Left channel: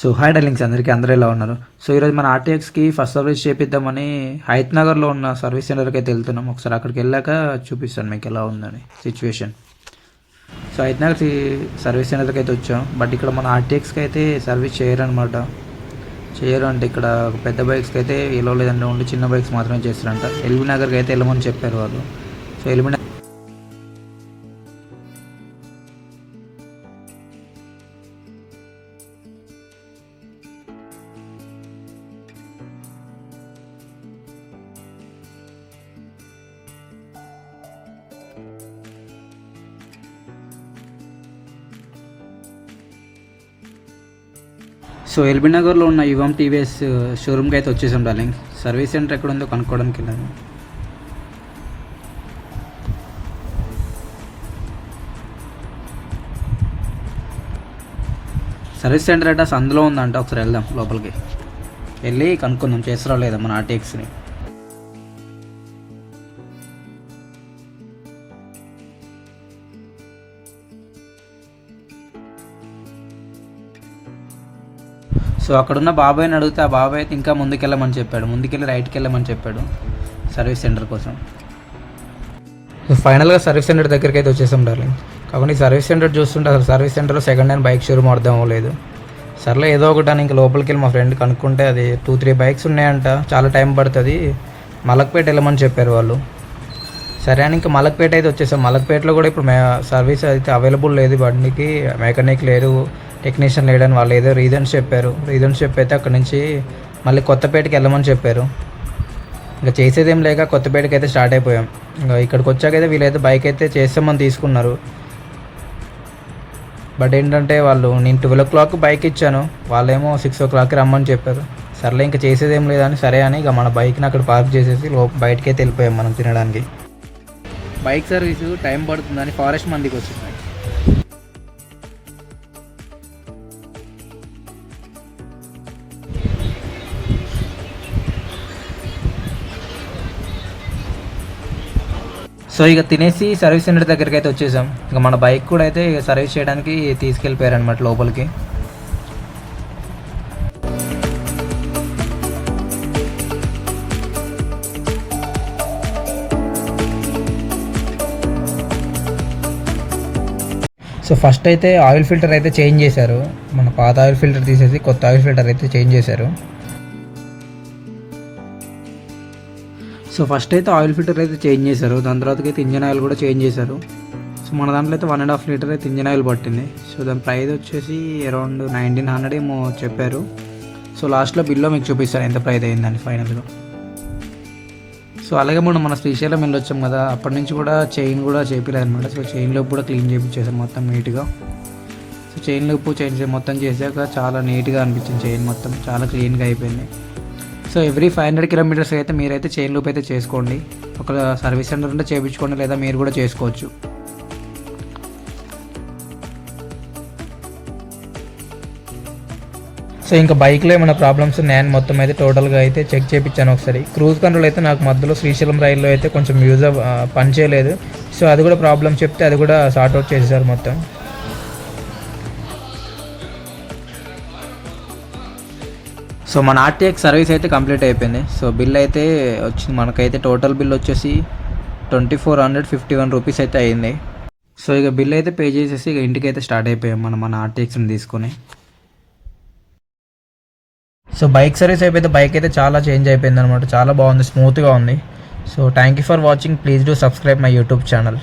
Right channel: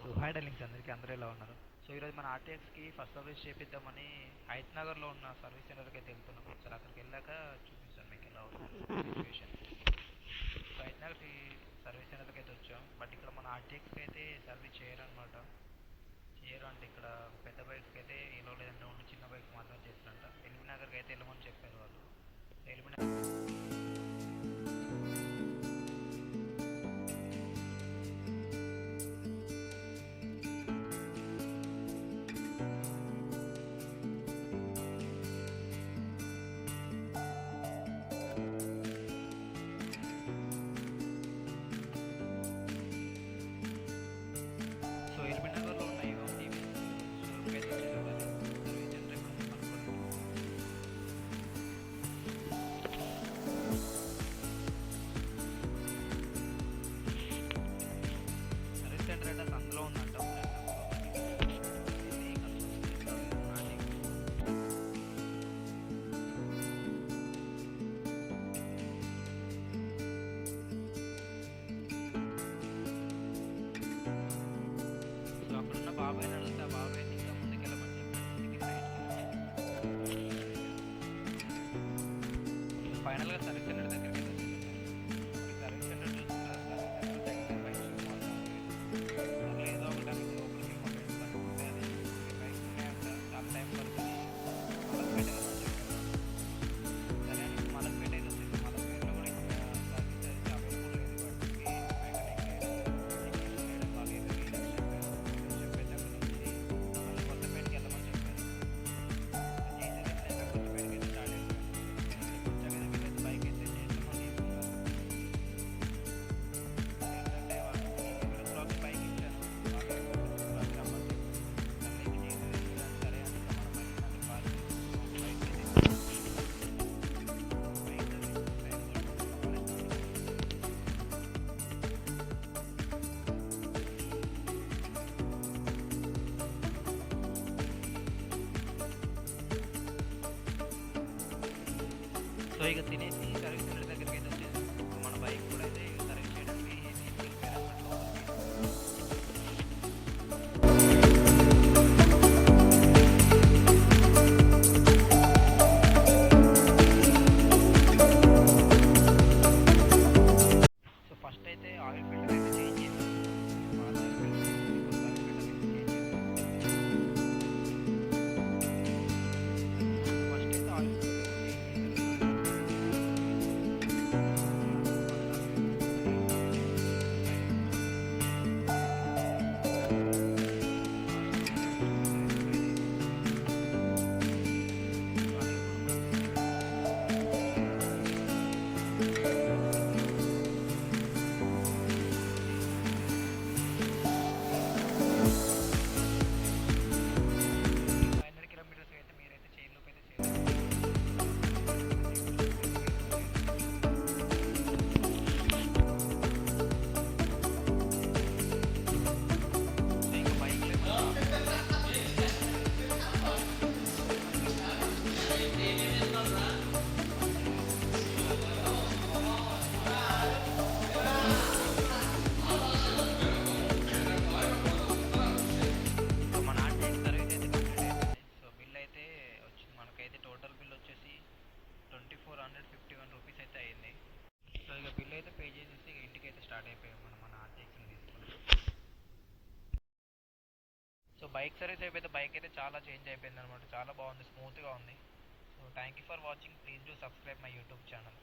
So hi darlings అందరికీ అందరూ ఎలా ఉన్నారు. సో ఈరోజు మన ఆర్టీఎక్స్కి ఫస్ట్ సర్వీస్ చేపిద్దామని హైత్ నగర్లో ఉన్న సర్వీస్ సెంటర్కి అయితే వెళ్తున్నాం. ఒకసారి అక్కడికి వెళ్ళాక చూపిస్తాను మీకు ఎలా ఉందని situation. So Hayath Nagar service సెంటర్కి అయితే వచ్చాం. బట్ ఇక్కడ మన ఆర్టీఎక్స్కి అయితే సర్వీస్ చేయరనమాట. చేయరు అంటే ఇక్కడ పెద్ద బైక్స్కి అయితే ఎలా లేదంటే ఓన్లీ చిన్న బైక్స్ మాత్రమే చేస్తారంట. ఎల్బీ నగర్కి అయితే వెళ్ళమని చెప్పారు వాళ్ళు. సో ఎల్బీ సో ఎల్బీ నగర్లో ఉన్న యువం టీవీఎస్ షోరూమ్కి అయితే వచ్చేసాం డార్లింగ్. సర్వీస్ సెంటర్ ఎక్కడ ఉందో కనుక్కోవడానికి వెళ్ళాము. సర్వీస్ సెంటర్ అంటే అందులో ఉందంట. ఒకసారి వెళ్దాం లోపలికి వెళ్ళి కనుక్కుందాం చేస్తారా లేదా మన ఆర్టీఎక్స్ని. సో అక్కడున్న బాబాయ్ని అడిగితే ఆ బాబాయ్ అయితే ఇంకా ముందుకెళ్ళమని చెప్పాడు. ముందుకెళ్ళి రైట్కి వెళ్ళమని చెప్పాడు సర్వీస్ సెంటర్ కోసం. సో ఫైనల్గా సర్వీస్ సెంటర్ దగ్గరికి అయితే వచ్చేసాం డార్లింగ్. కాబట్టి సర్వీస్ సెంటర్ చూస్తుంటే అసలు సర్వీస్ సెంటర్లో సెకండ్ హ్యాండ్ బైక్ షోరూమ్ అర్థం అవ్వలేదు. సర్లే ఏదో ఒకటి అని ఇంకా లోపలికి వెళ్ళి మా ఫ్రెండ్ కనుక్కుంటే అది 2-3 బైక్స్ ఉన్నాయంట, చాలా టైం పడుతుంది, మలక్పేట వెళ్ళమని చెప్పారు వాళ్ళు. సరే అని ఇంకా మలక్పేట అయితే వచ్చేసాం. మలక్పేటలో కూడా ఇప్పుడు సర్వీస్ అయితే అవైలబుల్ లేదు, బండికి మెకానిక్ లేరు, టెక్నీషియన్ లేడని వాళ్ళు ఏదో రీజన్స్ చెప్పారు. రీజన్స్ చెప్పైతే అక్కడ నుంచి మళ్ళీ కొత్తపేటకి వెళ్ళమని చెప్పారు. ఇంకా చేసేదేం లేక కొత్తపేటకి అయితే స్టార్ట్ అయిపోయాం. ఇంకా ఇక్కడికి వచ్చాకైతే వీళ్ళైతే బైక్ అయితే చేస్తామని తీసుకున్నారు. బట్ ఏంటంటే వాళ్ళు నేను 12 o'clock బైక్ ఇచ్చాను, వాళ్ళేమో 6 o'clock రమ్మని చెప్పారు. సర్లే ఇంకా చేసేదేం లేదని సరే అని ఇక మన బైక్ని అక్కడ పార్క్ చేసేసి బయటకి అయితే వెళ్ళిపోయాం మనం తినడానికి. బైక్ సర్వీసు టైం పడుతుందని ఫారెస్ట్ మందికి వచ్చింది. సో ఇక తినేసి సర్వీస్ సెంటర్ దగ్గరికి అయితే వచ్చేసాం. ఇక మన బైక్ కూడా అయితే సర్వీస్ చేయడానికి తీసుకెళ్ళిపోయారు అనమాట లోపలికి. సో ఫస్ట్ అయితే ఆయిల్ ఫిల్టర్ అయితే చేంజ్ చేశారు. మన పాత ఆయిల్ ఫిల్టర్ తీసేసి కొత్త ఆయిల్ ఫిల్టర్ అయితే చేంజ్ చేశారు. సో ఫస్ట్ అయితే ఆయిల్ ఫిల్టర్ అయితే చేంజ్ చేశారు. దాని తర్వాతకి అయితే ఇంజన్ ఆయిల్ కూడా చేంజ్ చేశారు. సో మన దాంట్లో అయితే 1.5 లీటర్ అయితే ఇంజన్ ఆయిల్ పట్టింది. సో దాని ప్రైస్ వచ్చేసి అరౌండ్ 1900 ఏమో చెప్పారు. సో లాస్ట్లో బిల్లో మీకు చూపిస్తాను ఎంత ప్రైస్ అయిందని ఫైనల్గా. సో అలాగే మన శ్రీశైలం వెళ్ళొచ్చాం కదా, అప్పటి నుంచి కూడా చైన్ కూడా చేపిలేదు అనమాట. సో చైన్ లూప్ కూడా క్లీన్ చేయించేసాం మొత్తం నీట్గా. సో చైన్ లూప్ చేంజ్ మొత్తం చేశాక చాలా నీట్గా అనిపించింది. చైన్ మొత్తం చాలా క్లీన్గా అయిపోయింది. సో ఎవ్రీ 500 kilometers అయితే మీరైతే చైన్ లూప్ అయితే చేసుకోండి. ఒక సర్వీస్ సెంటర్ ఉంటే చేయించుకోండి, లేదా మీరు కూడా చేసుకోవచ్చు. సో ఇంకా బైక్లో ఏమైనా ప్రాబ్లమ్స్ ఉన్నాయని మొత్తం అయితే టోటల్గా అయితే చెక్ చేయించాను ఒకసారి. క్రూజ్ కంట్రోల్ అయితే నాకు మధ్యలో శ్రీశైలం రైల్లో అయితే కొంచెం పని చేయలేదు. సో అది కూడా ప్రాబ్లం చెప్తే అది కూడా సార్ట్అవుట్ చేసేసారు మొత్తం. సో మన ఆర్టీఎక్స్ సర్వీస్ అయితే కంప్లీట్ అయిపోయింది. సో బిల్ అయితే వచ్చింది మనకైతే. టోటల్ బిల్ వచ్చేసి 2451 రూపీస్ అయితే అయ్యింది. సో ఇక బిల్ అయితే పే చేసేసి ఇక ఇంటికి అయితే స్టార్ట్ అయిపోయాం మన ఆర్టీఎక్స్ని తీసుకొని. సో బైక్ సర్వీస్ అయిపోతే బైక్ అయితే చాలా చేంజ్ అయిపోయింది అనమాట. చాలా బాగుంది, స్మూత్గా ఉంది. So thank you for watching. Please do subscribe my YouTube channel.